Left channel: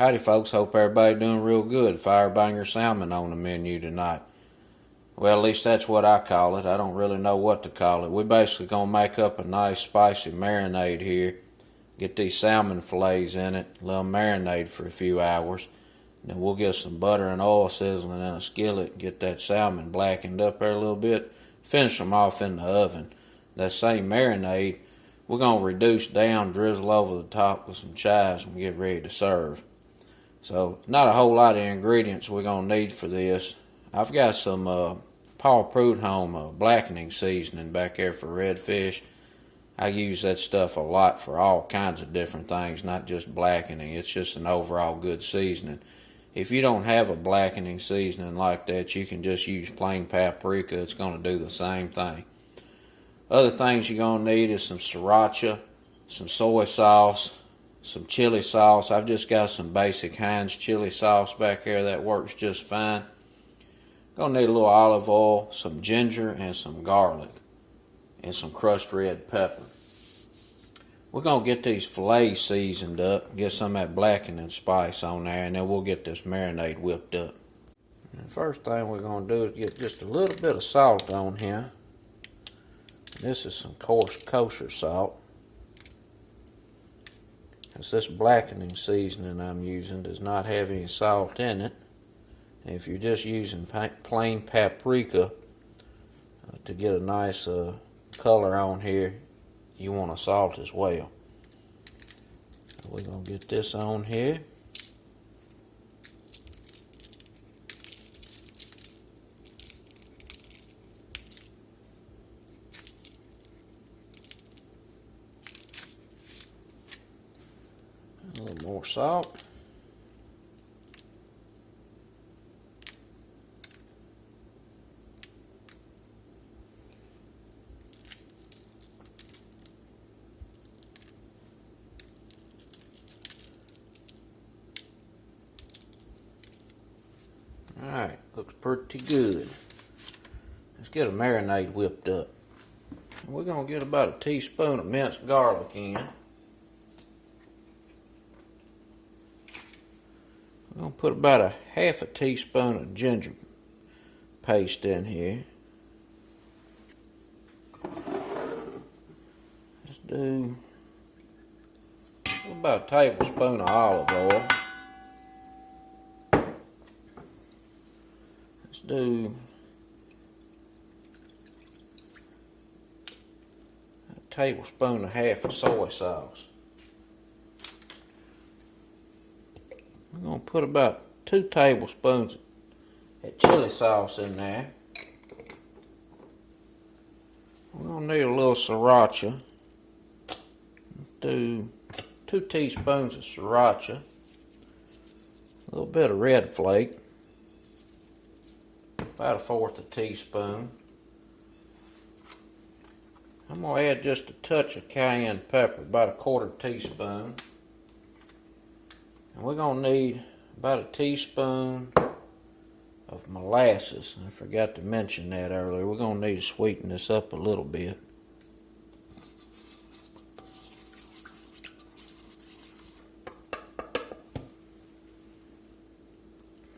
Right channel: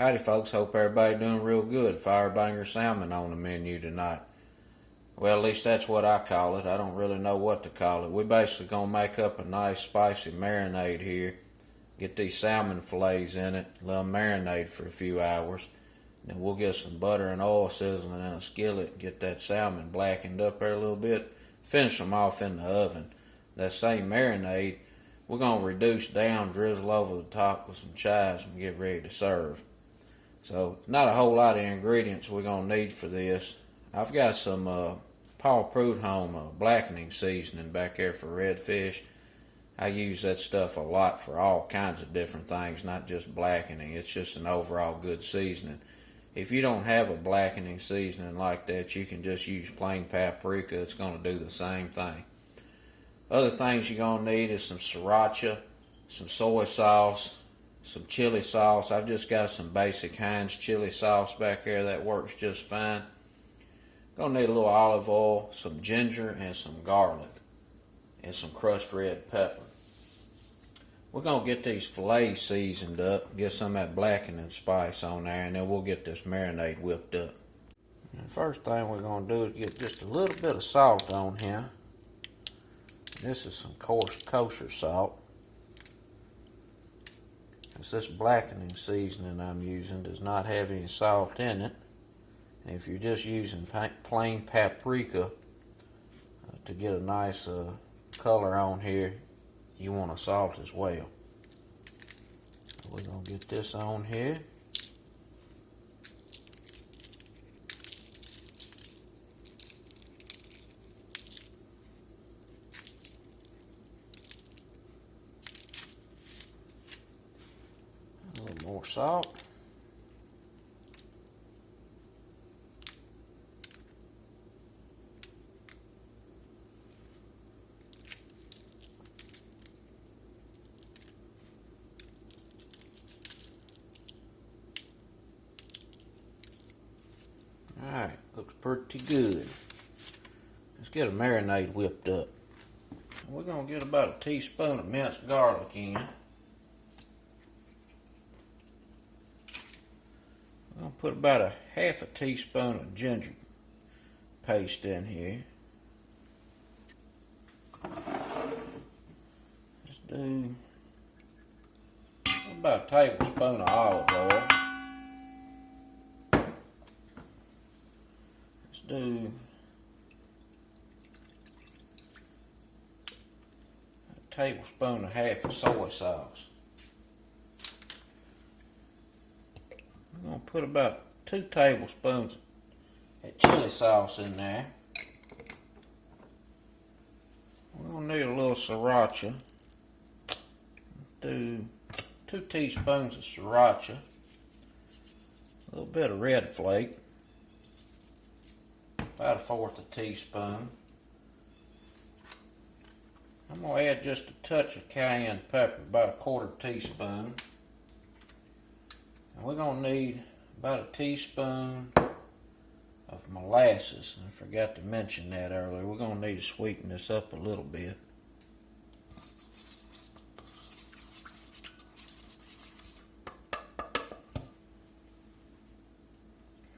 Howdy folks, hope everybody doing real good. Firebanger Salmon on the menu tonight. Well, at least that's what I call it. I don't really know what to call it. We're basically going to make up a nice spicy marinade here. Get these salmon fillets in it, let them marinate for a few hours. Then we'll get some butter and oil sizzling in a skillet, get that salmon blackened up there a little bit, finish them off in the oven. That same marinade, we're going to reduce down, drizzle over the top with some chives and get ready to serve. So, not a whole lot of ingredients we're going to need for this. I've got some Paul Prudhomme blackening seasoning back there for redfish. I use that stuff a lot for all kinds of different things, not just blackening. It's just an overall good seasoning. If you don't have a blackening seasoning like that, you can just use plain paprika. It's going to do the same thing. Other things you're going to need is some Siracha, some soy sauce, some chili sauce. I've just got some basic Heinz chili sauce back there that works just fine. Gonna need a little olive oil, some ginger, and some garlic, and some crushed red pepper. We're gonna get these fillets seasoned up, get some of that blackening spice on there, and then we'll get this marinade whipped up. And the first thing we're gonna do is get just a little bit of salt on here. This is some kosher salt. This blackening seasoning I'm using does not have any salt in it. And if you're just using plain paprika to get a nice color on here, you want to salt as well. We're going to get this on here. A little more salt. Alright, looks pretty good. Let's get a marinade whipped up. We're going to get about a teaspoon of minced garlic in. I'm going to put about a half a teaspoon of ginger paste in here. Let's do about a tablespoon of olive oil. Let's do a tablespoon and a half of soy sauce. I'm going to put about 2 tablespoons of chili sauce in there. We're going to need a little Siracha. Do 2 teaspoons of Siracha. A little bit of red flake. About 1/4 teaspoon. I'm going to add just a touch of cayenne pepper, about 1/4 teaspoon. And we're going to need about a teaspoon of molasses. I forgot to mention that earlier. We're going to need to sweeten this up a little bit.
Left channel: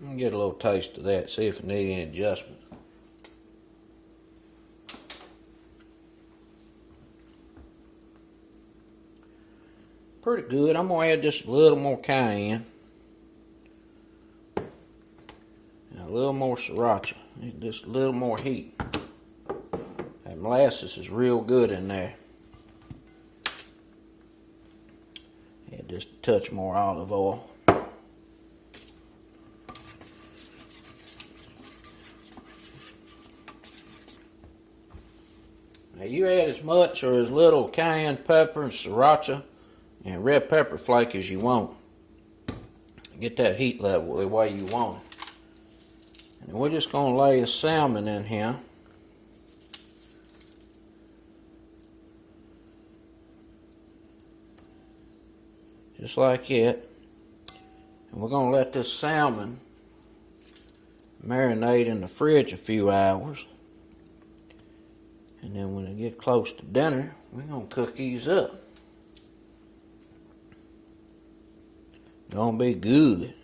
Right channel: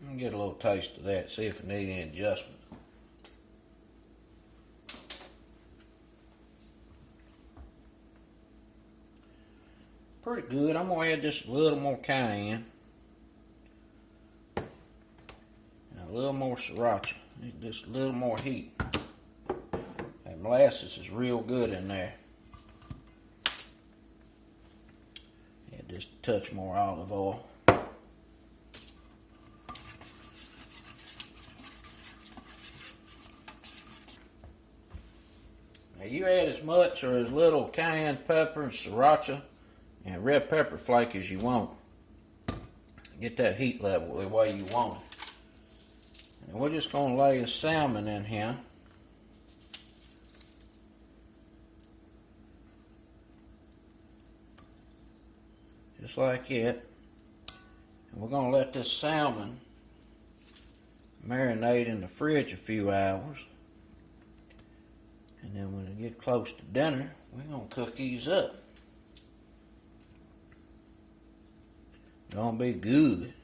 And get a little taste of that, see if it needs any adjustment. Pretty good. I'm going to add just a little more cayenne. And a little more Sriracha. Just a little more heat. That molasses is real good in there. Add just a touch more olive oil. Now you add as much or as little cayenne pepper and Sriracha and red pepper flake as you want. Get that heat level the way you want it. And we're just going to lay a salmon in here. Just like that. And we're going to let this salmon marinate in the fridge a few hours. And then when it get close to dinner, we're going to cook these up. Gonna be good.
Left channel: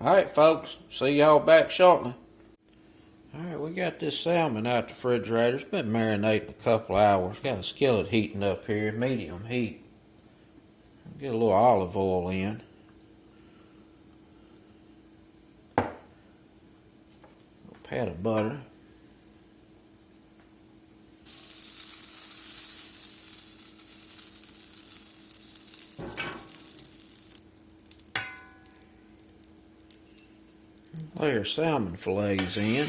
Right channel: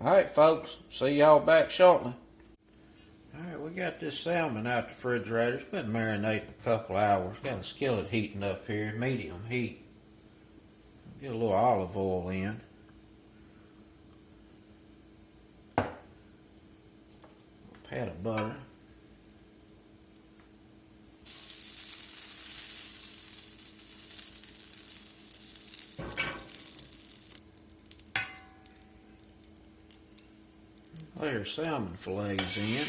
Alright folks, see y'all back shortly. Alright, we got this salmon out the refrigerator. It's been marinating a couple hours. Got a skillet heating up here, medium heat. Get a little olive oil in. A pat of butter. Lay our salmon fillets in.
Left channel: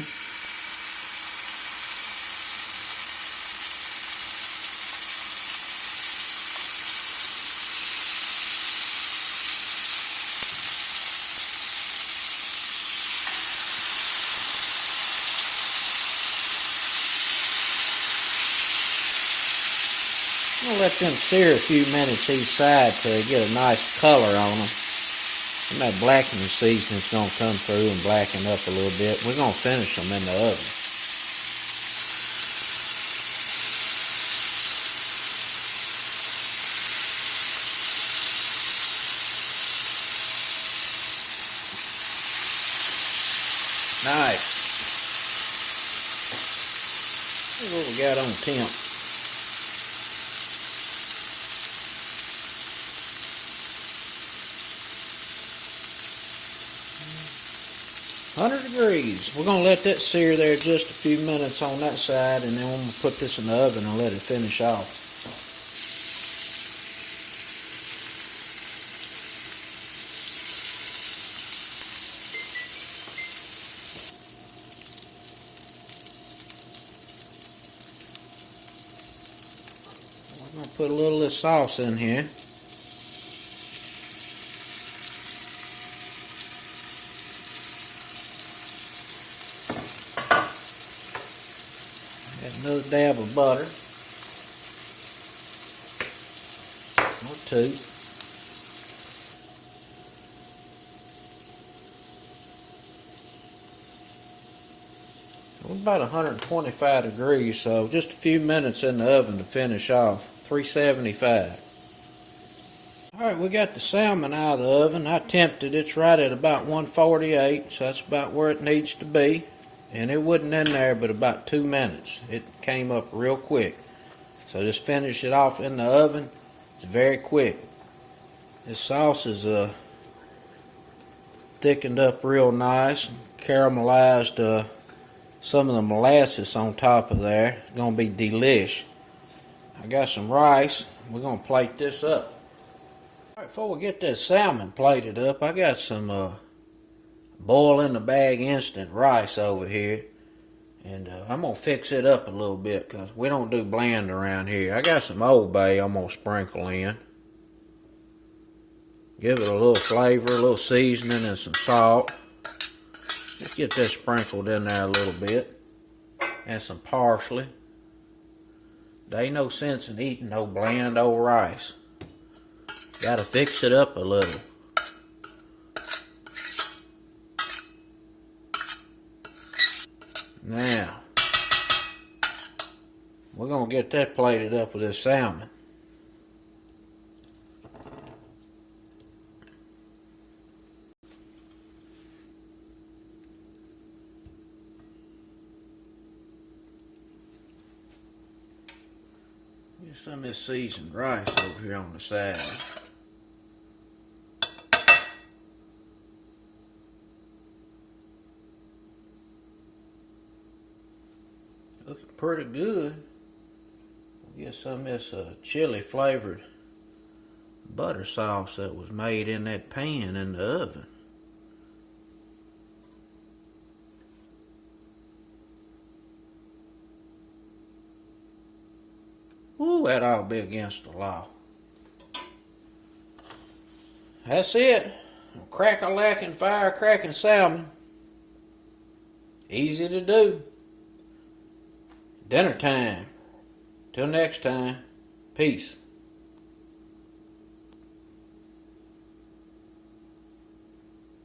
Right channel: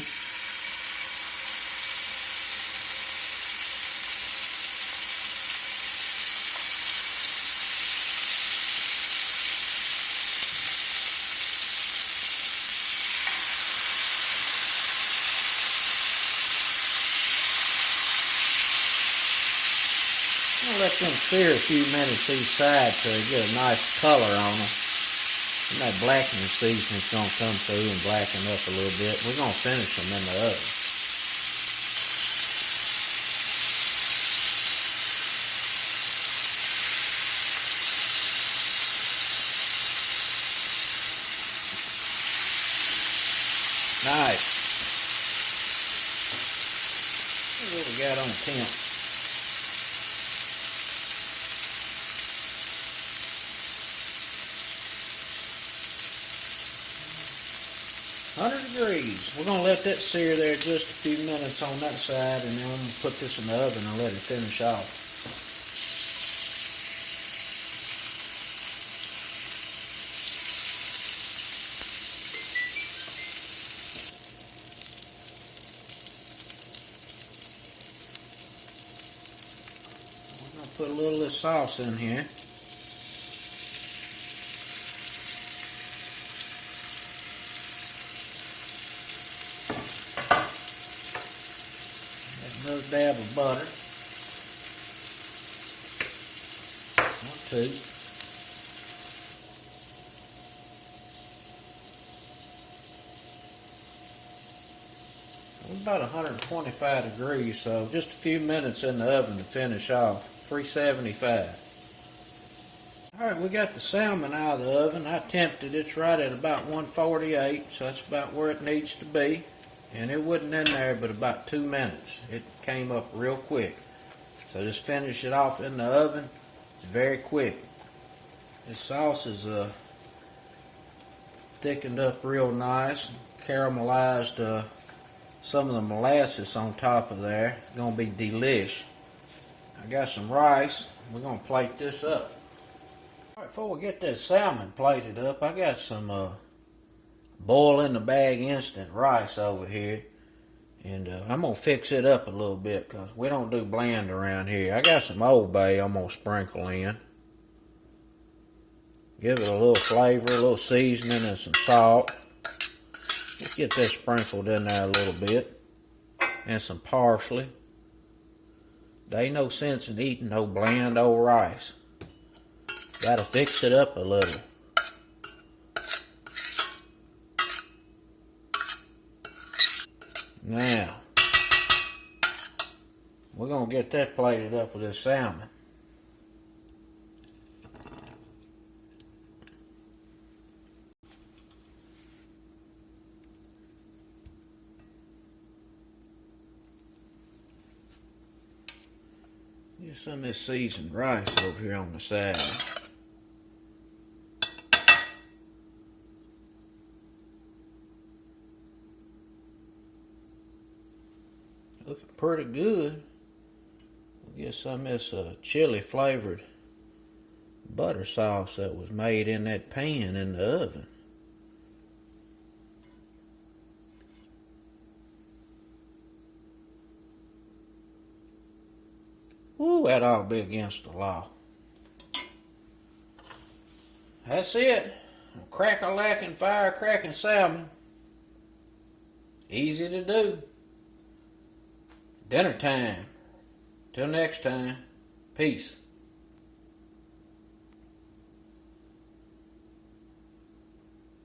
I'll let them sear a few minutes each side to get a nice color on them. And that blackening seasoning's going to come through and blacken up a little bit. We're going to finish them in the oven. Nice. What we got on temp? 100 degrees. We're going to let that sear there just a few minutes on that side, and then we're going to put this in the oven and let it finish off. I'm going to put a little of this sauce in here. Another dab of butter, or two. We're about 125 degrees, so just a few minutes in the oven to finish off. 375. Alright, we got the salmon out of the oven. I temped it. It's right at about 148, so that's about where it needs to be. And it wasn't in there but about 2 minutes. It came up real quick. So just finish it off in the oven. It's very quick. This sauce is thickened up real nice. Caramelized some of the molasses on top of there. It's going to be delish. I got some rice. We're going to plate this up. Alright, before we get that salmon plated up, I got some boil in the bag instant rice over here, and I'm gonna fix it up a little bit because we don't do bland around here. I got some Old Bay I'm gonna sprinkle in, give it a little flavor, a little seasoning, and some salt. Let's get that sprinkled in there a little bit, and some parsley. There ain't no sense in eating no bland old rice. Gotta fix it up a little. Now, we're going to get that plated up with this salmon. Get some of this seasoned rice over here on the side. Looking pretty good. We'll get some of this chili flavored butter sauce that was made in that pan in the oven. Ooh, that ought to be against the law. That's it. Crack-a-lacking, fire-cracking salmon. Easy to do. Dinner time. Till next time. Peace.